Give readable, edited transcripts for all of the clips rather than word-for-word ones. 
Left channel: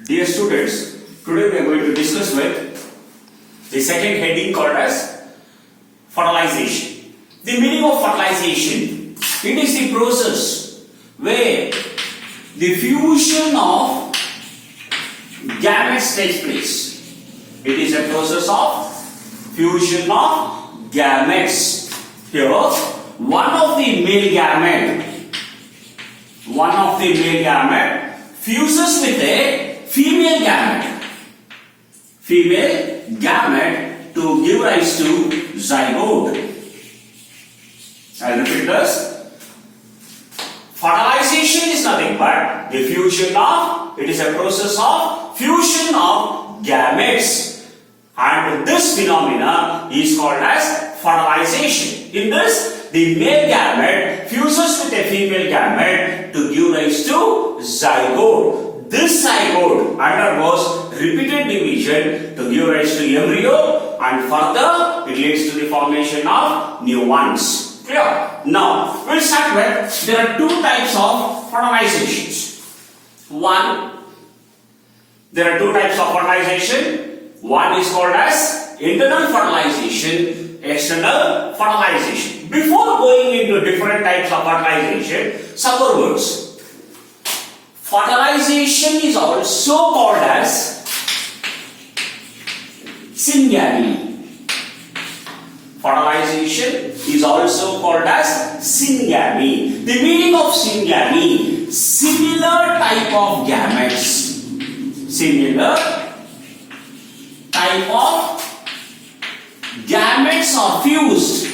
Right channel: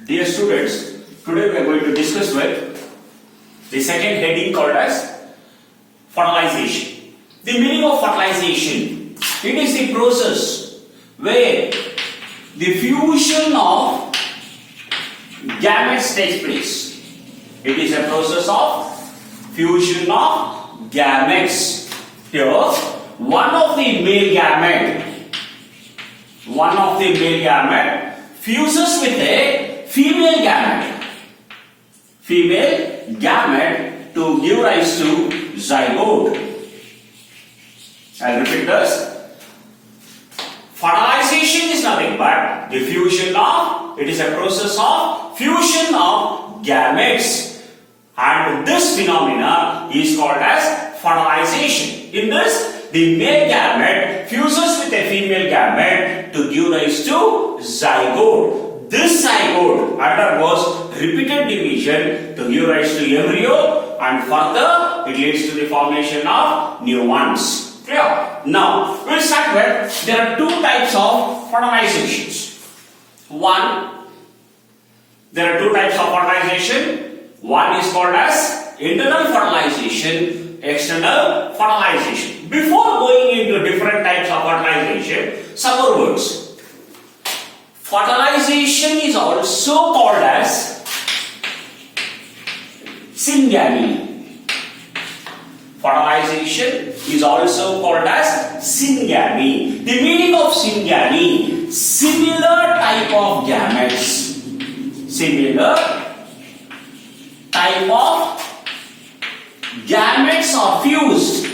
Dear students, today we are going to discuss with the second heading called as fertilization. The meaning of fertilization, it is the process where the fusion of gametes takes place. It is a process of fusion of gametes. Here, one of the male gamete fuses with a female gamete to give rise to zygote. I'll repeat this. Fertilization is nothing but the fusion of, it is a process of fusion of gametes, and this phenomena is called as fertilization. In this, the male gamete fuses with a female gamete to give rise to zygote. This zygote undergoes repeated division to give rise to embryo, and further it leads to the formation of new ones. Clear? Now we'll start with, there are two types of fertilizations. There are two types of fertilization. One is called as internal fertilization, external fertilization. Before going into different types of fertilization, some more words. Fertilization is also called as syngamy. Fertilization is also called as syngamy. The meaning of syngamy, similar type of gametes. Similar type of gametes are fused.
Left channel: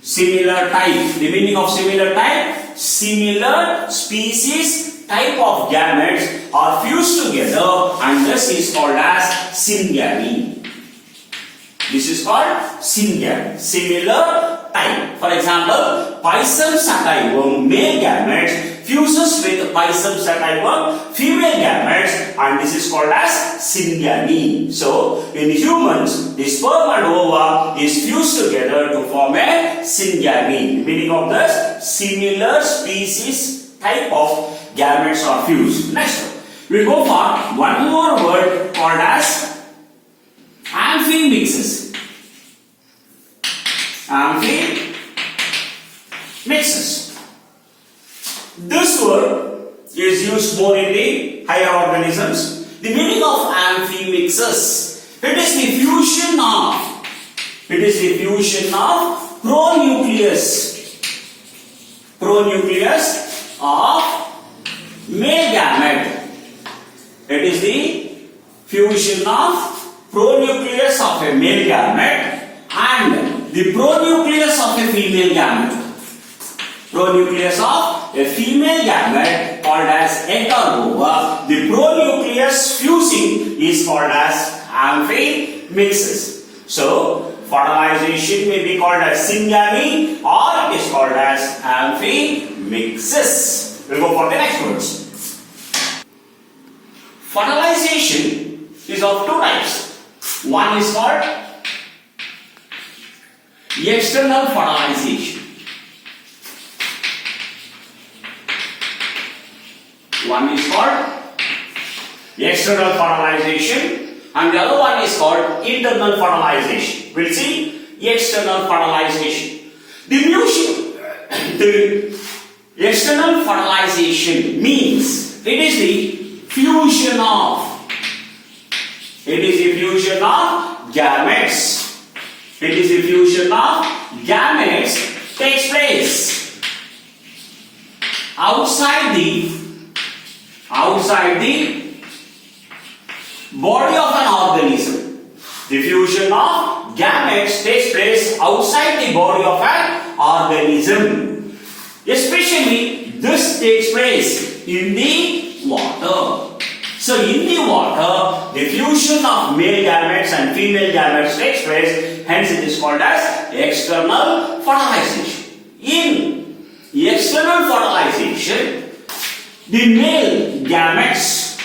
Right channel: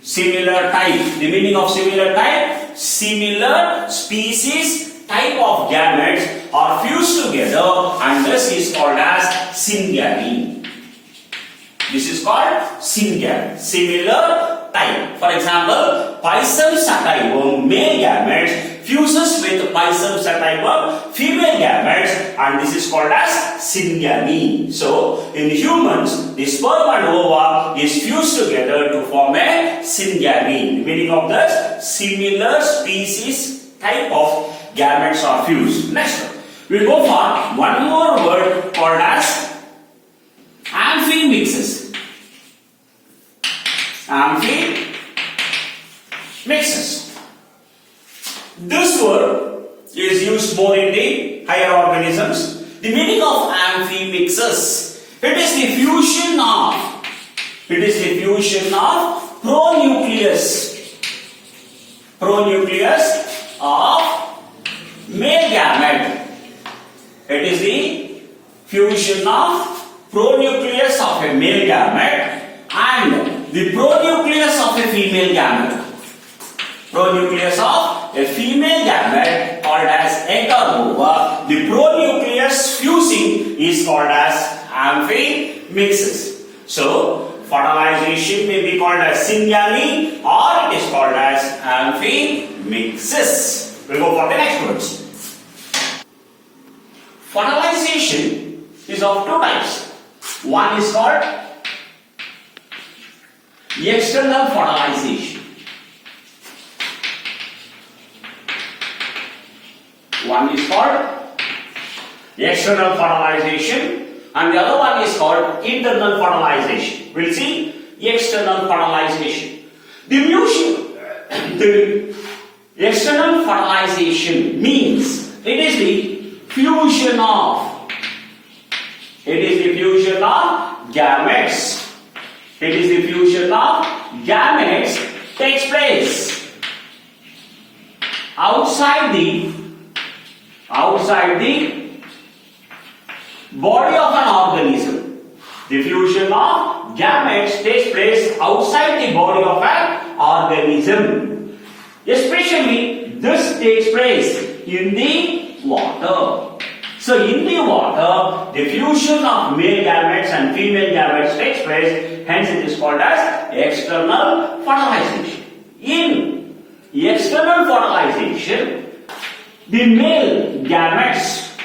Similar type. The meaning of similar type, similar species type of gametes are fused together, and this is called as syngamy. This is called syngamy. Similar type. For example, Pisum sativum male gametes fuses with Pisum sativum female gametes, and this is called as syngamy. So, in humans, the sperm and ova is fused together to form a syngamy. Meaning of this, similar species type of gametes are fused. Next, we will go for one more word called as amphimixes. Amphimixes. This word is used more in the higher organisms. The meaning of amphimixes, it is the fusion of pronucleus of male gamete. It is the fusion of pronucleus of a male gamete and the pronucleus of a female gamete. Pronucleus of a female gamete called as egg or ova. The pronucleus fusing is called as amphimixes. So, fertilization may be called as syngamy or it is called as amphimixes. We'll go for the next words. Fertilization is of two types. One is called external fertilization. One is called external fertilization and the other one is called internal fertilization. We'll see external fertilization. The external fertilization means it is the fusion of gametes. It is the fusion of gametes takes place outside the body of an organism. The fusion of gametes takes place outside the body of an organism. Especially this takes place in the water. So in the water, the fusion of male gametes and female gametes takes place, hence it is called as external fertilization. In external fertilization, the male gametes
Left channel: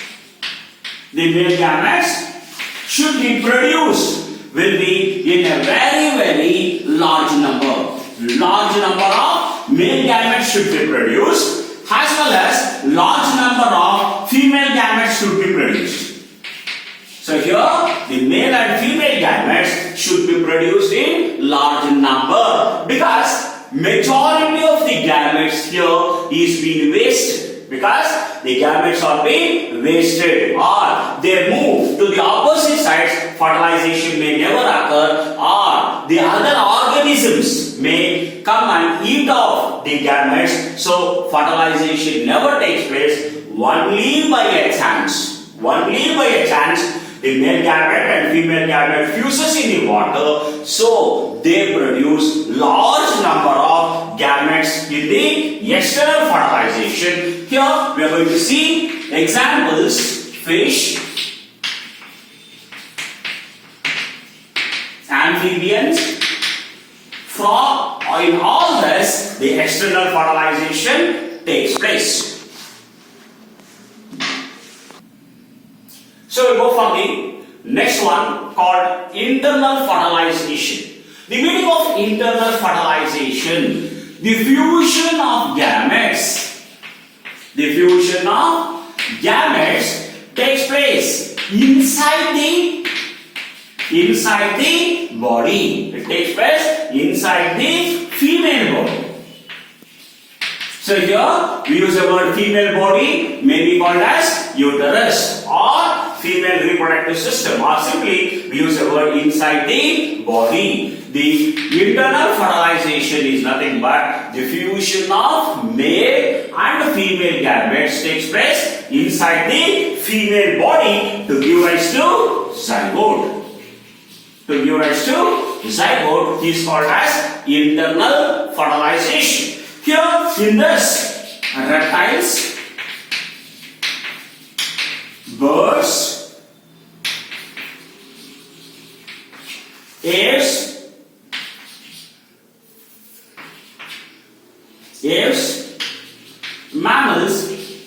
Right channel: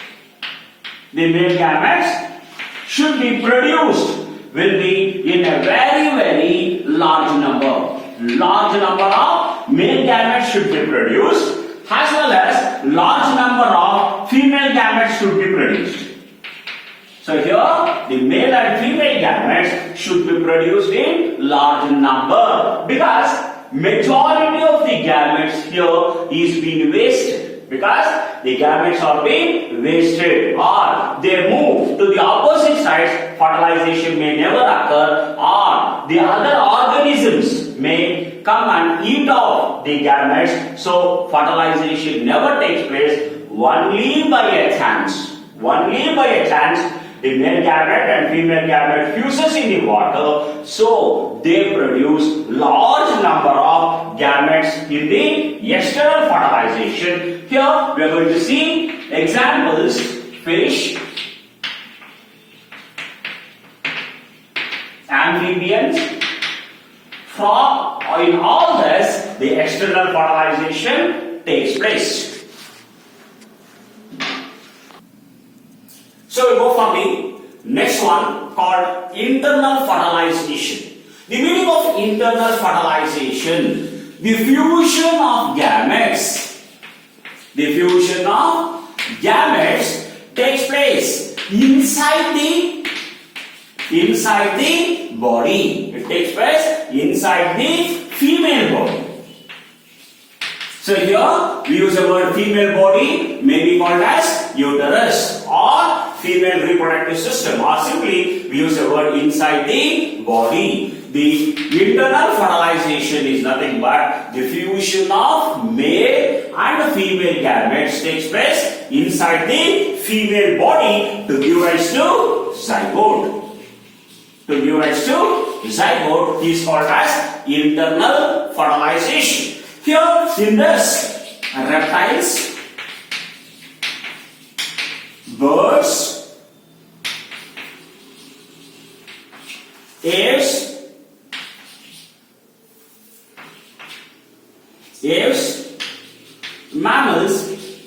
should be produced, will be in a very large number. Large number of male gametes should be produced as well as large number of female gametes should be produced. gametes should be produced in large number, because majority of the gametes here is being wasted, because the gametes are being wasted or they move to the opposite sides. Fertilization may never occur, or the other organisms may come and eat off the gametes. So fertilization never takes place. Only by a chance, the male gamete and female gamete fuses in the water, so they produce large number of gametes in the external fertilization. Here we are going to see examples: fish, amphibians, frog. In all this, the external fertilization takes place. So we go for the next one called internal fertilization. The meaning of internal fertilization: the fusion of gametes. The fusion of gametes takes place inside the body. It takes place inside the female body. So here we use the word female body, may be called as uterus or female reproductive system, or simply we use the word inside the body. The internal fertilization is nothing but the fusion of male and female gametes takes place inside the female body to give rise to zygote. To give rise to zygote is called as internal fertilization. Here in this, reptiles, birds, aves, mammals,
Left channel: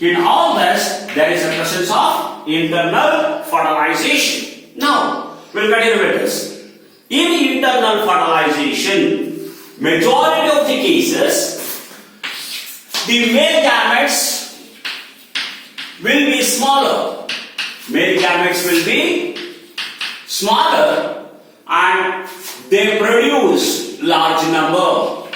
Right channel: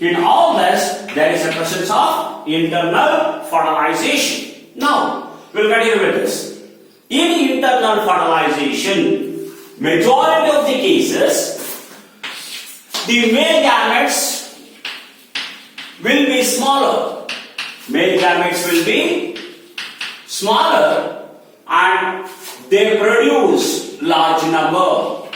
in all this there is a presence of internal fertilization. Now, we'll continue with this. In internal fertilization, majority of the cases, the male gametes will be smaller. Male gametes will be smaller and they produce large number.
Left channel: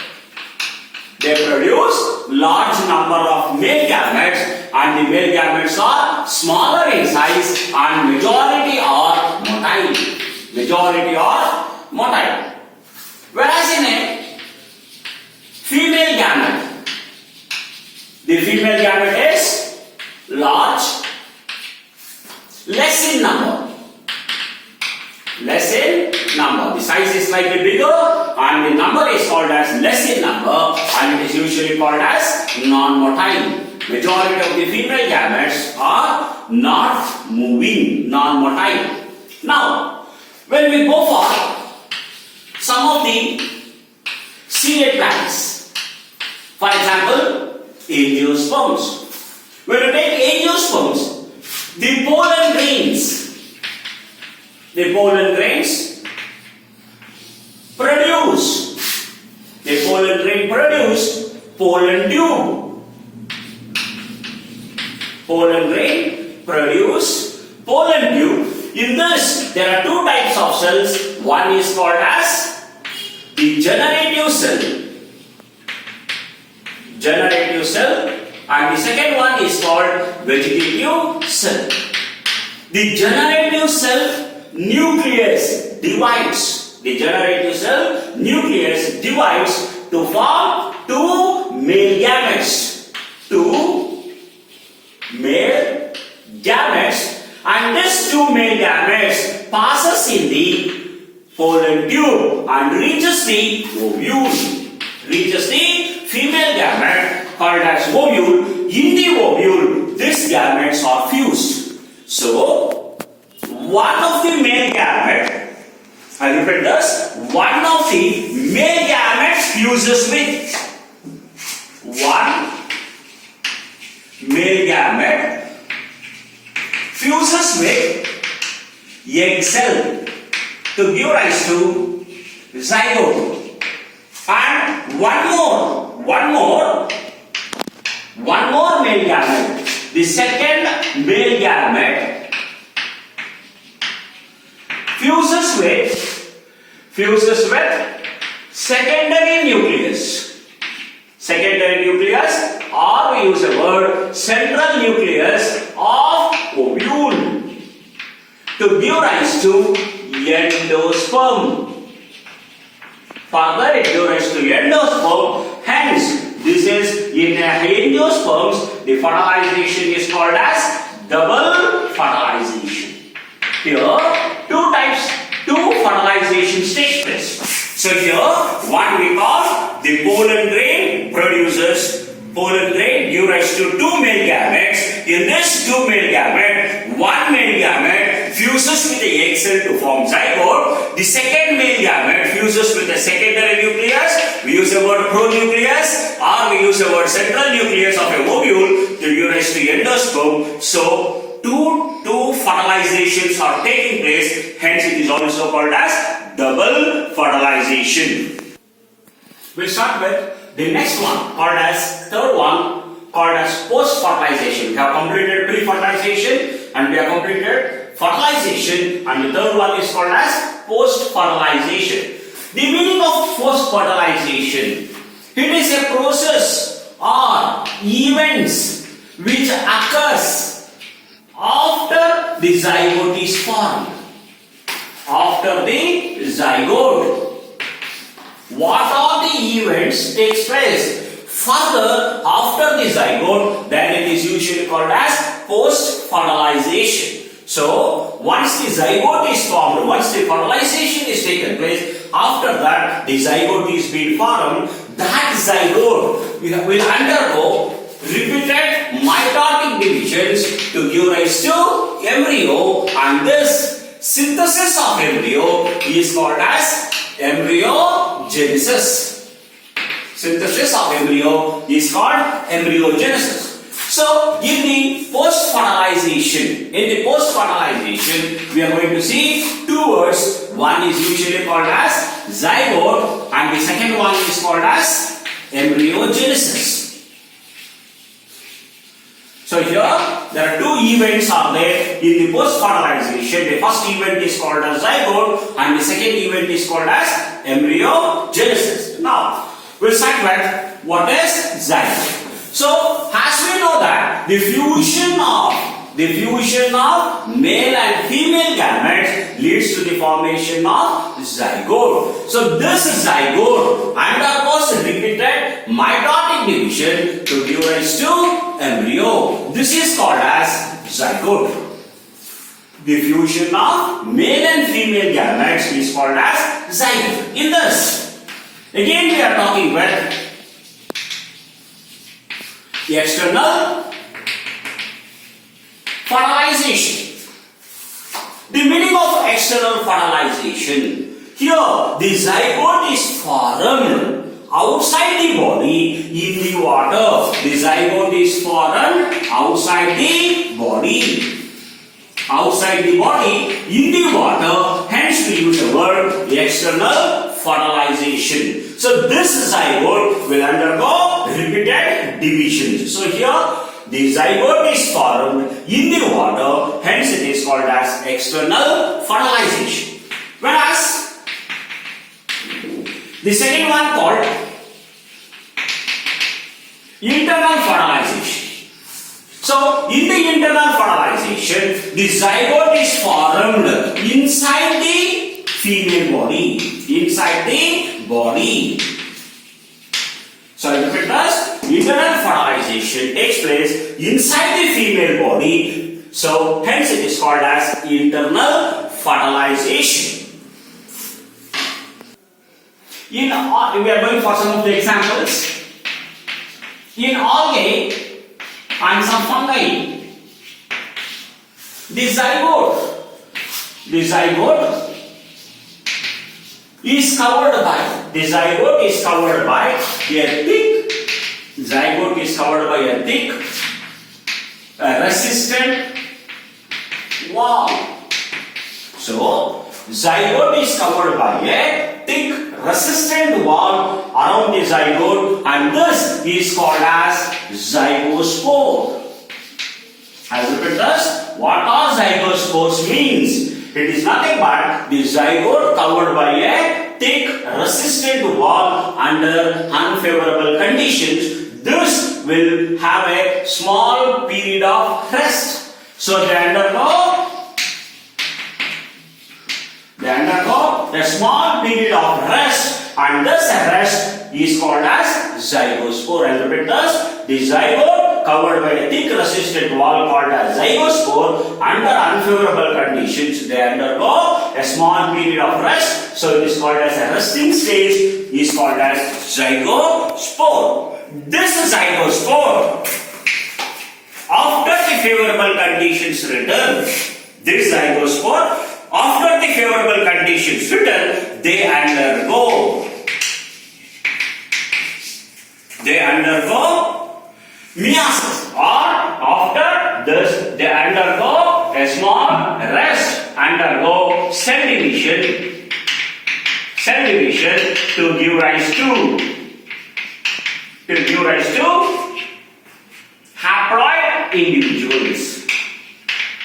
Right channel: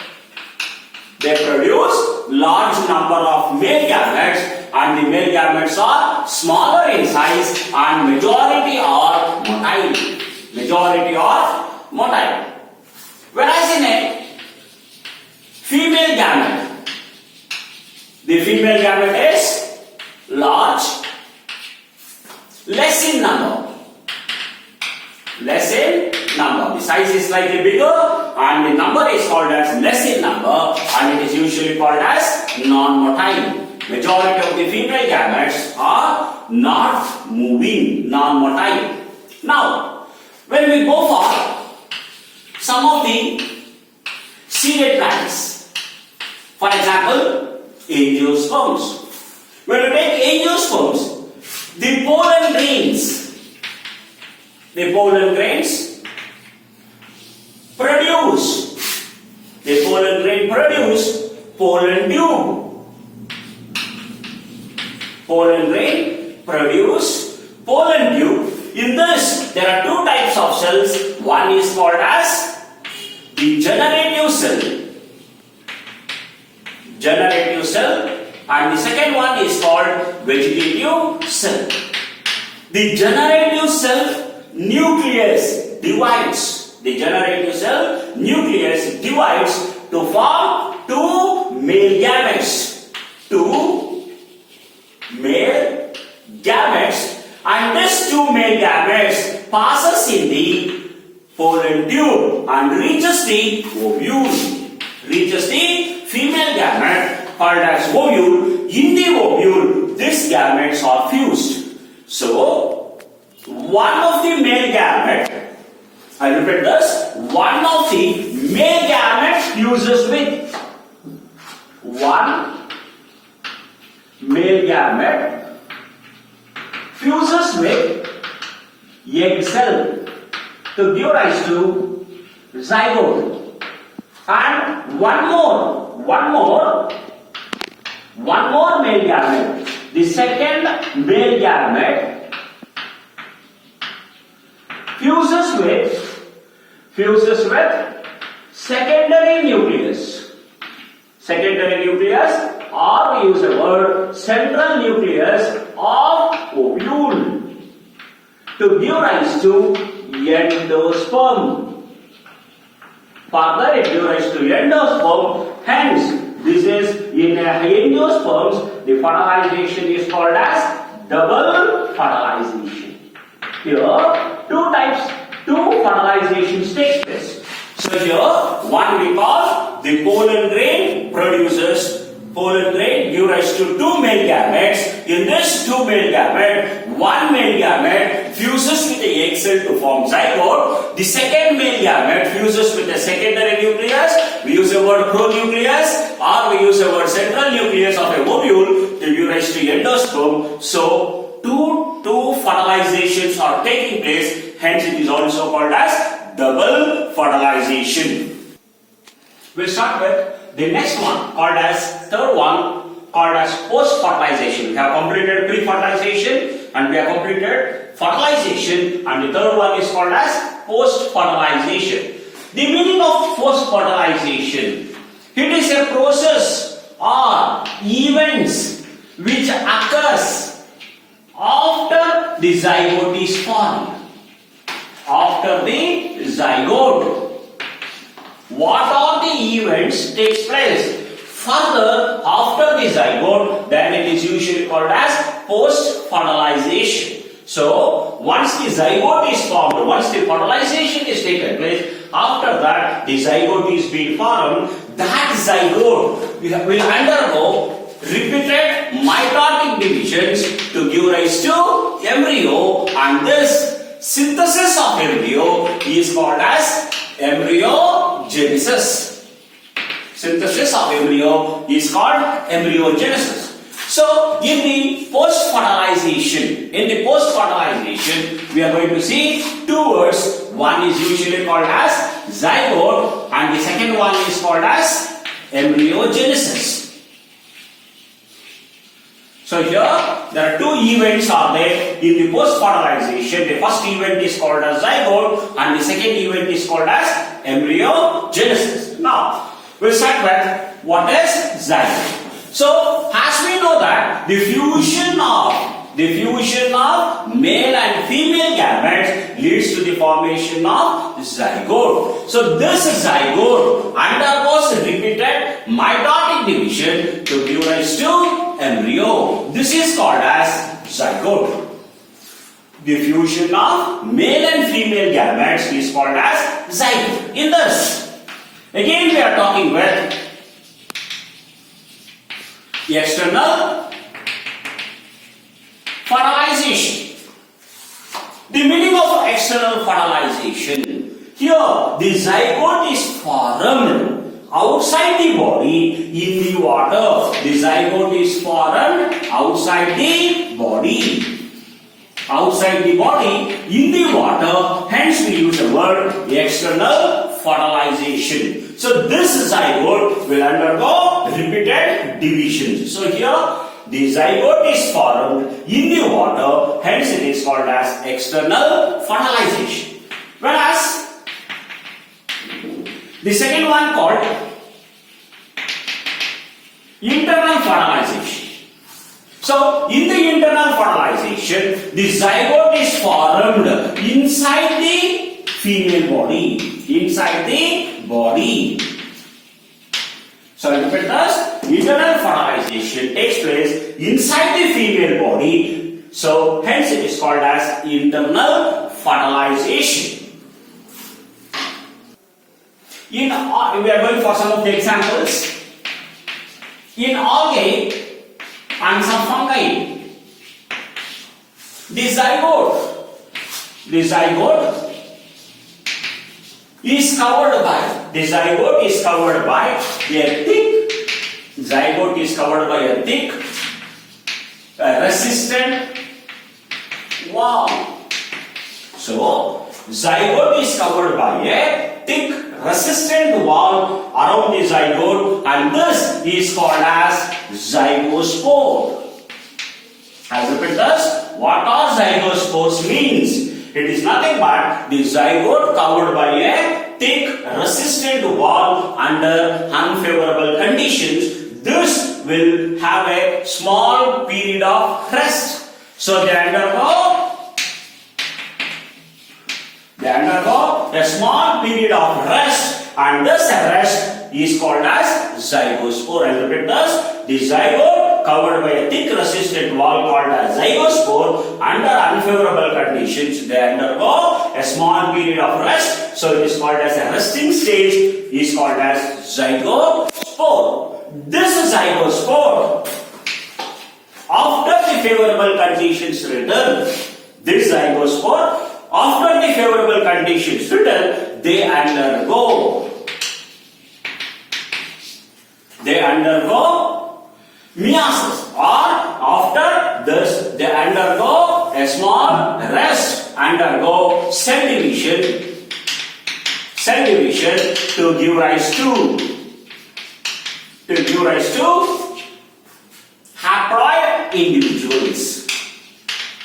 They produce large number of male gametes, and the male gametes are smaller in size and majority are motile. Majority are motile. Whereas in a female gamete, the female gamete is large, less in number. Less in number. The size is slightly bigger and the number is called as less in number, and it is usually called as non-motile. Majority of the female gametes are not moving, non-motile. Now, when we go for some of the seeded plants, for example, angiosperms. When you take angiosperms, the pollen grains produce pollen tube. Pollen grain produce pollen tube. In this, there are two types of cells. One is called as the generative cell, and the second one is called vegetative cell. The generative cell nucleus divides. The generative cell nucleus divides to form two male gametes. And these two male gametes passes in the pollen tube and reaches the ovule. Reaches the female gamete called as ovule. In the ovule, these gametes are fused. So, one of the male gamete, I repeat this, one of the male gametes fuses with one male gamete fuses with egg cell to give rise to zygote, and one more male gamete, the second male gamete fuses with secondary nucleus. Secondary nucleus, or we use the word central nucleus of ovule to give rise to endosperm. Further, it gives rise to endosperm. Hence, this is in endosperms, the fertilization is called as double fertilization. Here, two fertilizations take place. So here, what we call the pollen grain produces, pollen grain gives rise to two male gametes. In this two male gamete, one male gamete fuses with the egg cell to form zygote. The second male gamete fuses with the secondary nucleus. We use the word pronucleus, or we use the word central nucleus of a ovule to give rise to endosperm. So, two fertilizations are taking place. Hence, it is also called as double fertilization. We'll start with the next one, called as third one, called as post-fertilization. We have completed pre-fertilization and we have completed fertilization, and the third one is called as post-fertilization. The meaning of post-fertilization: it is a process or events which occurs after the zygote is formed. After the zygote, what are the events takes place? Further, after the zygote, then it is usually called as post-fertilization. So, once the zygote is formed, once the fertilization is taken place, after that the zygote is being formed, that zygote will undergo repeated mitotic divisions to give rise to embryo, and this synthesis of embryo is called as embryogenesis. Synthesis of embryo is called embryogenesis. So, in the post-fertilization, we are going to see two words. One is usually called as zygote, and the second one is called as embryogenesis. So here, there are two events are there in the post-fertilization. The first event is called as zygote, and the second event is called as embryogenesis. Now, we'll start with what is zygote. So, as we know that the fusion of male and female gametes leads to the formation of zygote. So, this zygote undergoes repeated mitotic division to give rise to embryo. This is called as zygote. The fusion of male and female gametes is called as zygote. In this, again we are talking with external fertilization. The meaning of external fertilization: here the zygote is formed outside the body in the water. The zygote is formed outside the body. Outside the body in the water. Hence we use the word external fertilization. So this zygote will undergo repeated divisions. So here the zygote is formed in the water. Hence it is called as external fertilization. Whereas the second one called internal fertilization. So, in the internal fertilization, the zygote is formed inside the female body. Inside the body. So, repeat this. Internal fertilization takes place inside the female body. So, hence it is called as internal fertilization. We are going for some of the examples. In algae and some fungi, the zygote is covered by a thick resistant wall. So zygote is covered by a thick resistant wall around the zygote, and this is called as zygospore. I repeat this. What are zygospores means? It is nothing but the zygote covered by a thick resistant wall under unfavorable conditions. This will have a small period of rest. So they undergo a small period of rest, and this rest is called as zygospore. I'll repeat this. The zygote covered by a thick resistant wall called as zygospore under unfavorable conditions, they undergo a small period of rest. So it is called as a resting stage, is called as zygospore. This zygospore, after the favorable conditions return, this zygospore, after the favorable conditions return, they undergo meiosis, or after this they undergo a small rest, undergo cell division to give rise to haploid individuals.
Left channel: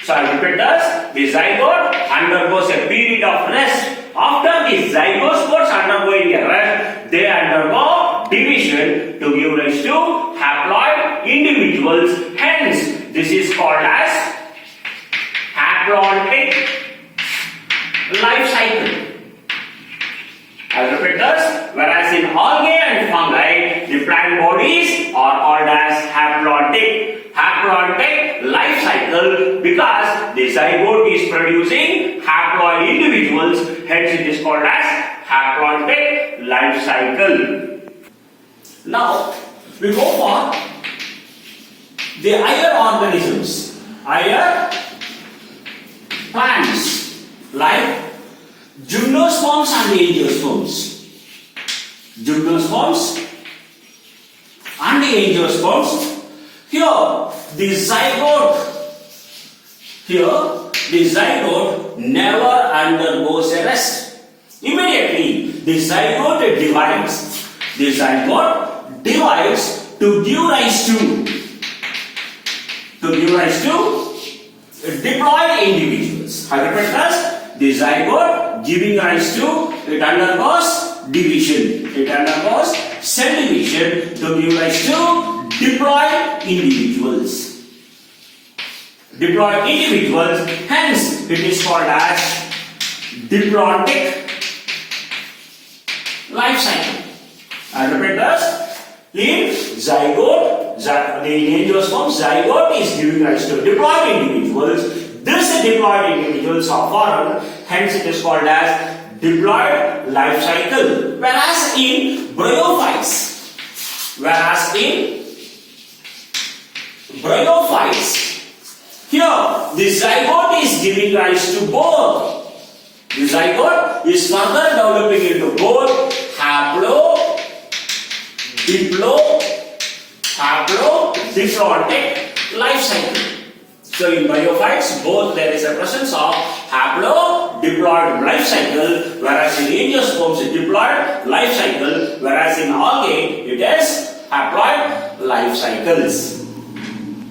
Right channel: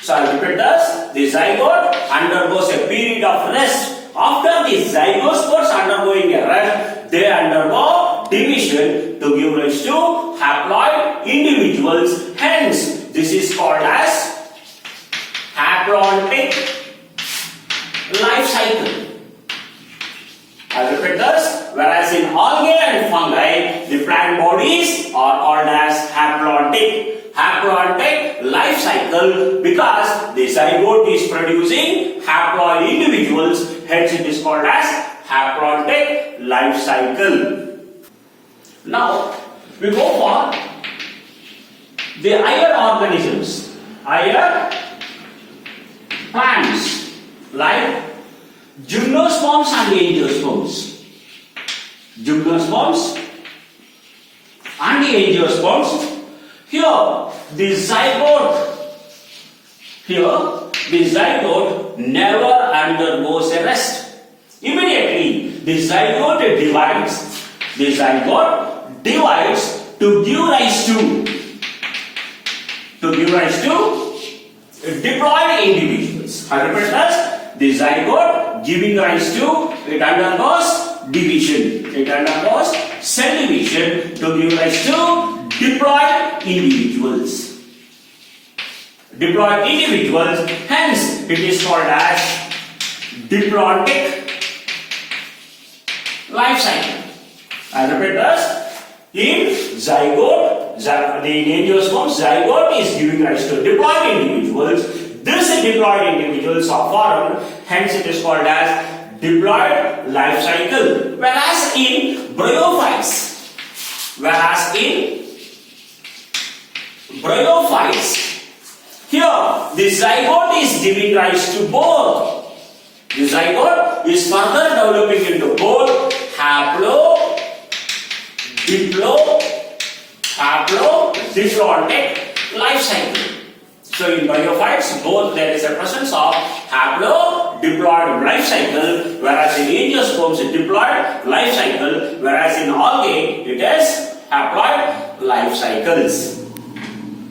So I repeat this. The zygote undergoes a period of rest. After the zygospores undergoing a rest, they undergo division to give rise to haploid individuals. Hence, this is called as haplontic life cycle. I repeat this. Whereas in algae and fungi, the plant bodies are called as haplontic life cycle, because the zygote is producing haploid individuals. Hence, it is called as haplontic life cycle. Now, we go for the higher organisms, higher plants like gymnosperms and angiosperms. Gymnosperms and the angiosperms. Here, the zygote never undergoes a rest. Immediately, the zygote divides to give rise to diploid individuals. I repeat this. The zygote giving rise to, it undergoes division. It undergoes cell division to give rise to diploid individuals. Hence it is called as diplontic life cycle. I repeat this. In zygote, the angiosperm zygote is giving rise to diploid individuals. These diploid individuals are formed. Hence it is called as diploid life cycle. Whereas in bryophytes, here the zygote is giving rise to both. The zygote is further developing into both diplontic life cycle. So in bryophytes, both there is a presence of haplodiploid life cycle, whereas in angiosperms diploid life cycle, whereas in algae it is haploid life cycles.